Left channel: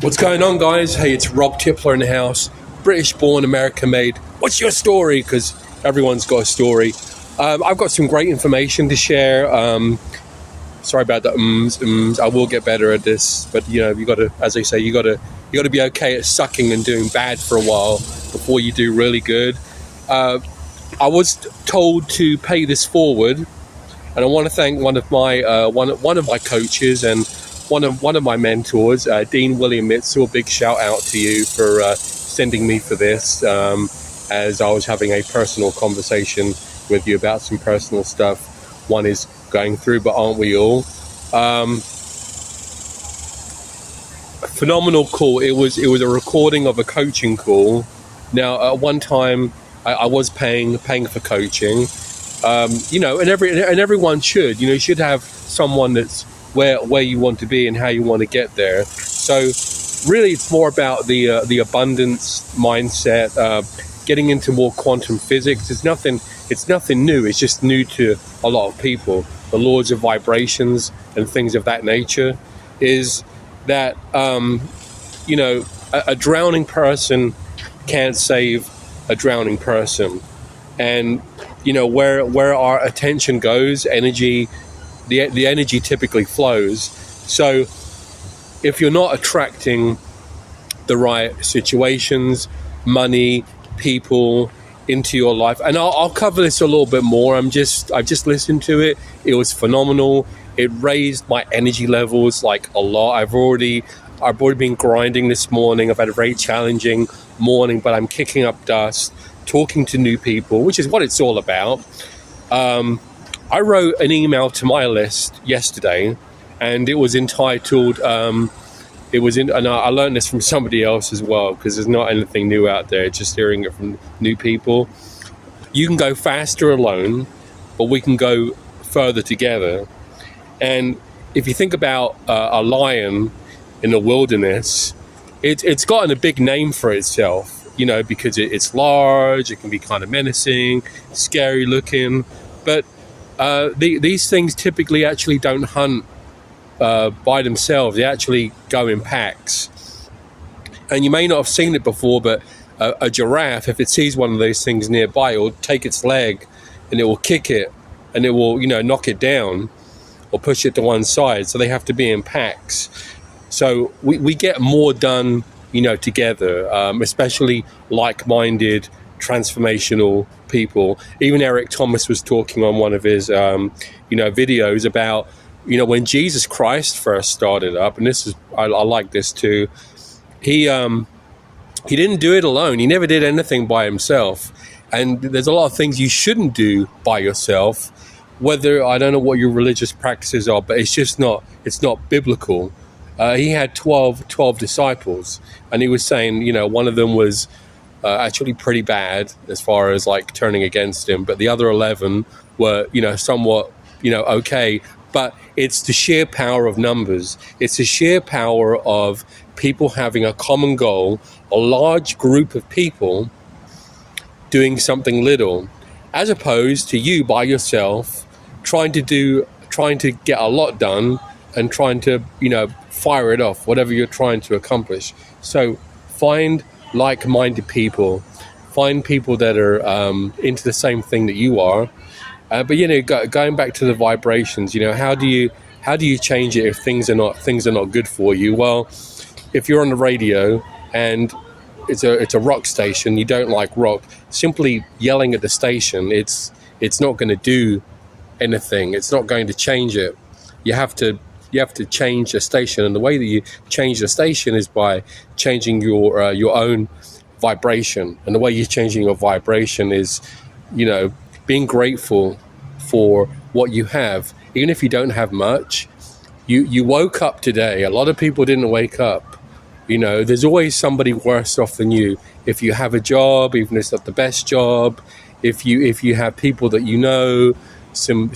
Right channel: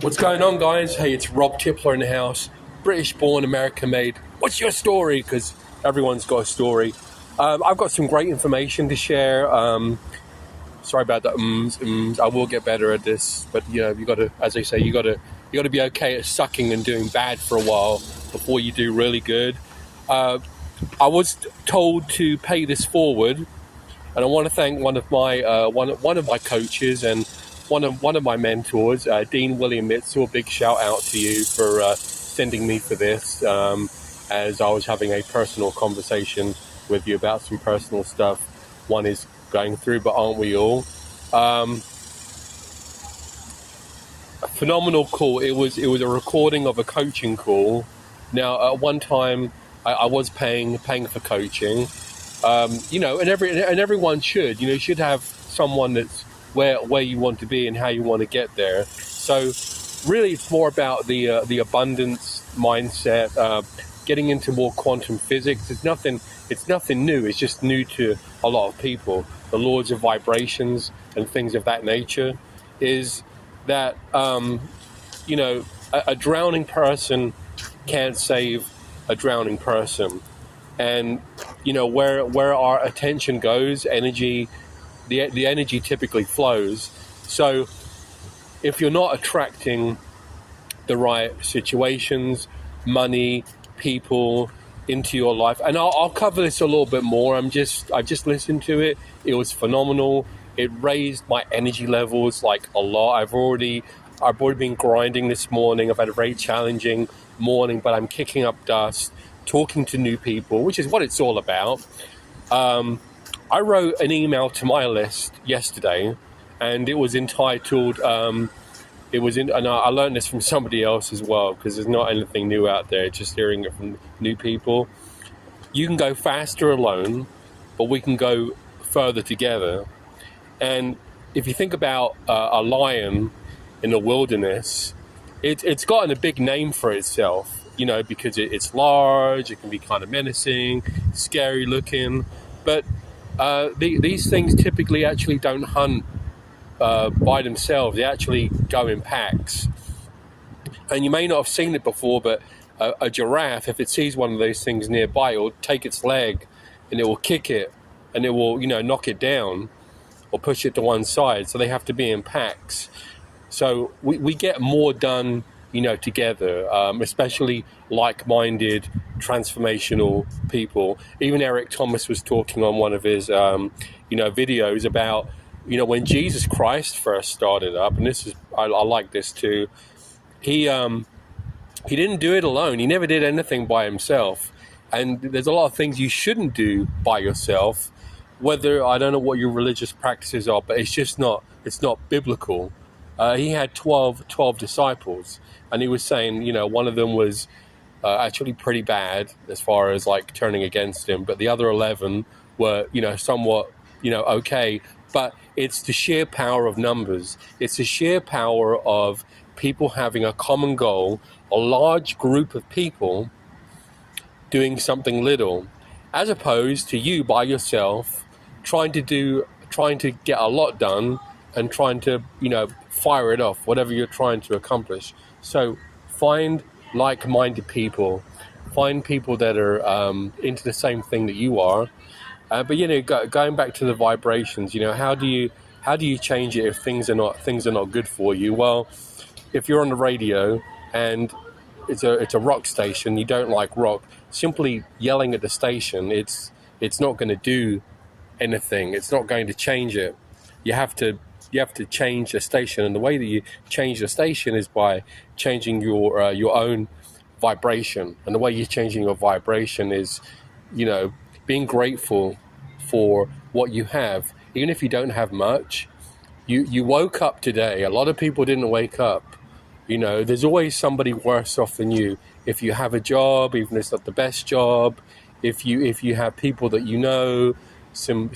What's going on, guys? Hey, it's Rob Tippler in the house. British born, American made. What's your story? Because everyone's got a story. I've got some great information to share. Sorry about the ums. I will get better at this, but you got to, as they say, you got to be okay at sucking and doing bad for a while before you do really good. I was told to pay this forward, and I want to thank one of my coaches and one of my mentors, Dean William Mitchell. Big shout out to you for sending me for this, as I was having a personal conversation with you about some personal stuff one is going through, but aren't we all? Phenomenal call. It was a recording of a coaching call. Now, at one time, I was paying for coaching, and everyone should. You should have someone that's where you want to be and how you want to get there. So really it's more about the abundance mindset, getting into more quantum physics. It's nothing new. It's just new to a lot of people. The laws of vibrations and things of that nature is that a drowning person can't save a drowning person. And where our attention goes, energy, the energy typically flows. So if you're not attracting the right situations, money, people into your life, and I'll cover this a little bit more. I've just listened to it. It was phenomenal. It raised my energy levels like a lot. I've already been grinding this morning. I've had a very challenging morning, but I'm kicking up dust, talking to new people, which is what it's all about. I wrote an email to my list yesterday, and it was entitled, and I learned this from somebody else as well, because there's not anything new out there, just hearing it from new people. You can go faster alone, but we can go further together. And if you think about a lion in the wilderness, it's gotten a big name for itself, because it's large, it can be kind of menacing, scary looking, but these things typically actually don't hunt by themselves. They actually go in packs. And you may not have seen it before, but a giraffe, if it sees one of those things nearby, it will take its leg and it will kick it, and it will knock it down or push it to one side. So they have to be in packs. So we get more done together, especially like-minded, transformational people. Even Eric Thomas was talking on one of his, videos about, when Jesus Christ first started up, and this is, I like this too. He didn't do it alone. He never did anything by himself. And there's a lot of things you shouldn't do by yourself, whether, I don't know what your religious practices are, but it's not biblical. He had 12 disciples, and he was saying, one of them was actually pretty bad as far as like turning against him, but the other 11 were, somewhat, okay. But it's the sheer power of numbers. It's the sheer power of people having a common goal, a large group of people doing something little, as opposed to you by yourself trying to get a lot done and trying to, fire it off, whatever you're trying to accomplish. So find like-minded people, find people that are into the same thing that you are. But going back to the vibrations, how do you change it if things are not good for you? Well, if you're on the radio and it's a rock station, you don't like rock, simply yelling at the station, it's not going to do anything. It's not going to change it. You have to change the station, and the way that you change the station is by changing your own vibration. And the way you're changing your vibration is, being grateful for what you have, even if you don't have much. You woke up today. A lot of people didn't wake up. There's always somebody worse off than you. If you have a job, even if it's not the best job, if you have people that some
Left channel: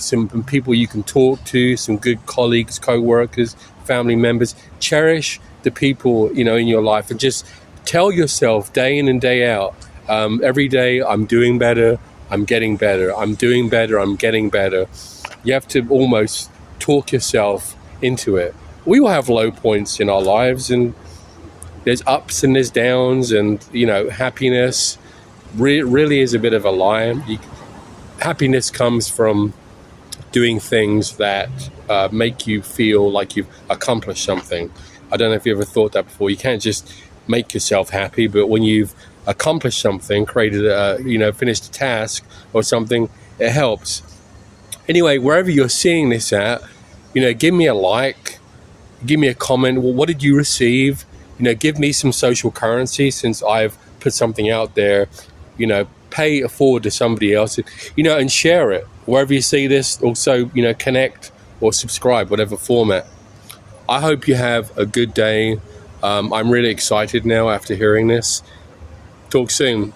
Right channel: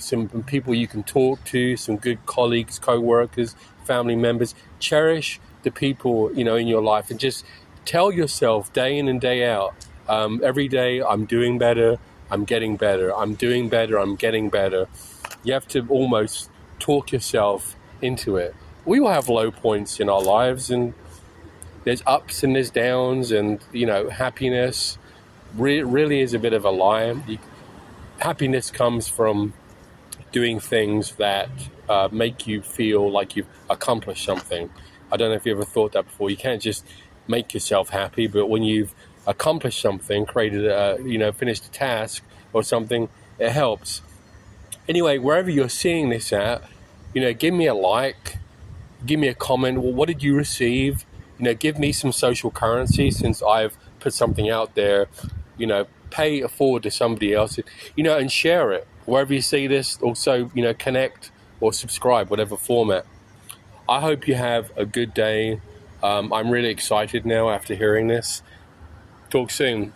people you can talk to, some good colleagues, co-workers, family members, cherish the people in your life, and just tell yourself day in and day out, every day, I'm doing better, I'm getting better, I'm doing better, I'm getting better. You have to almost talk yourself into it. We all have low points in our lives, and there's ups and there's downs, and happiness really is a bit of a lie. Happiness comes from doing things that make you feel like you've accomplished something. I don't know if you ever thought that before. You can't just make yourself happy, but when you've accomplished something, finished a task or something, it helps. Anyway, wherever you're seeing this at, give me a like, give me a comment. Well, what did you receive? Give me some social currency since I've put something out there. Pay it forward to somebody else, and share it wherever you see this. Also, connect or subscribe, whatever format. I hope you have a good day. I'm really excited now after hearing this. Talk soon.